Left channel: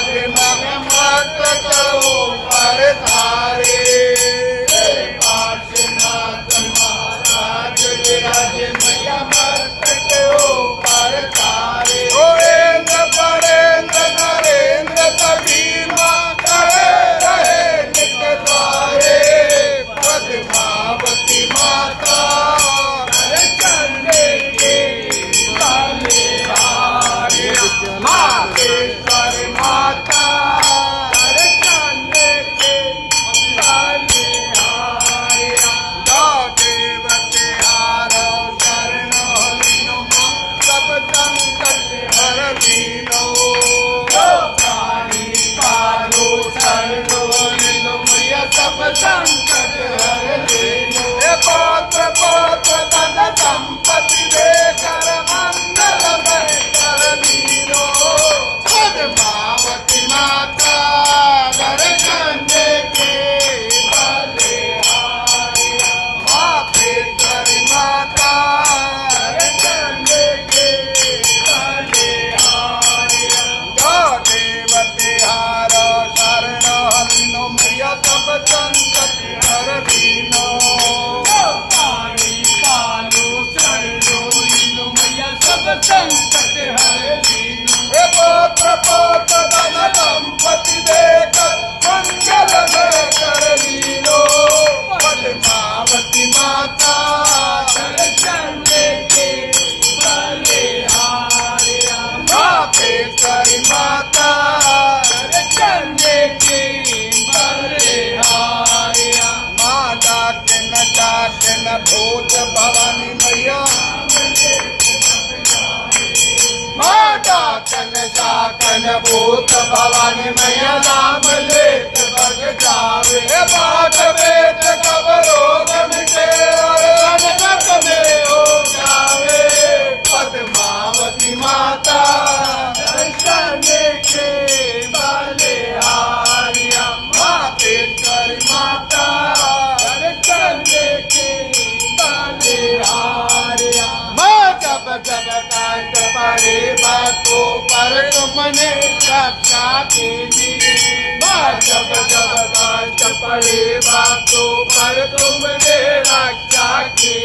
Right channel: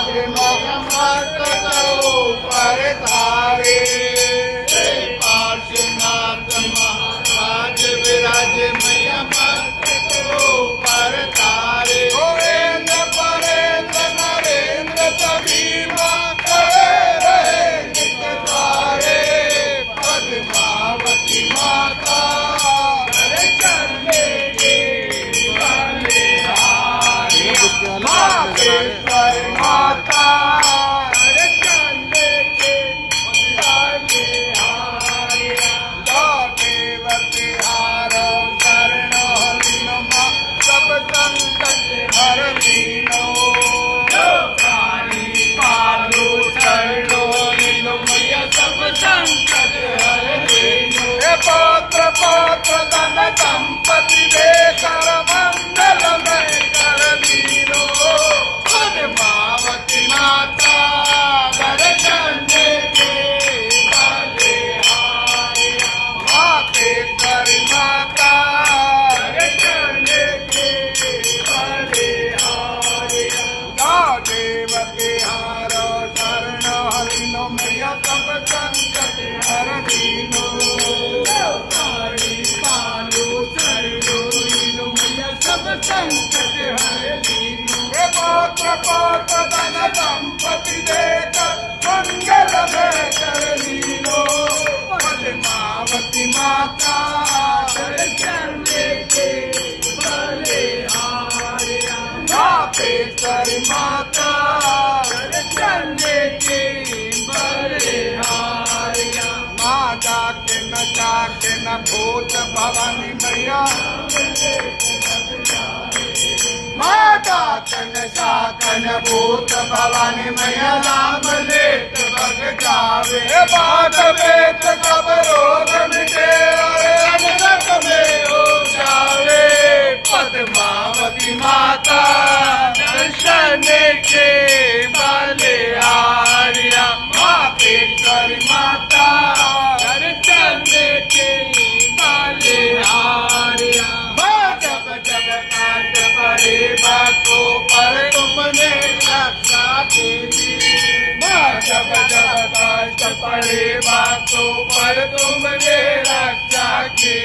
मत करो पर तारे पार्श्वनाथ महाराज विराज मैया मत करो पर तारे गोविंद परेंद्र नरेंद्र सभी माँ करे रहे नित द्वारे पद्मावती माता चंदे के बलिहारी मातेश्वर माता चंदे के बलिहारी देवते हारो शरणो लीनो सब संकट हर लीनो प्राणी पालो शरणो लीनो मैया सब संकट हर लीनो पौत्र पौत्र धन संपत्ति दे कर मंगल में कर लीनो पद्मावती माता दर्शन दे के बलिहारी मातेश्वरी माता दर्शन दे के बलिहारी देवती हारो शरण हरिनो मैया सब संकट हर लीनो संकट हर लीनो पौत्र पौत्र धन संपत्ति देकर मंगल में कर लीनो पद्मावती माता दर्शन देके बलिहारी मातेश्वरी माता दर्शन देके बलिहारी माता के न भूत भवानी मैया माता तन सातन भूत भवानी मैया नाम लेत बग जावे बाट पेट कब रोग मिटे और अनगत में हो जावे पद्मावती माता दर्शन के बलिहारी मातेश्वरी माता दर्शन के बलिहारी जब जब काट पड़े बातों पर तुमने रक्षा की जब जब काट पड़े बातों पर तुमने रक्षा की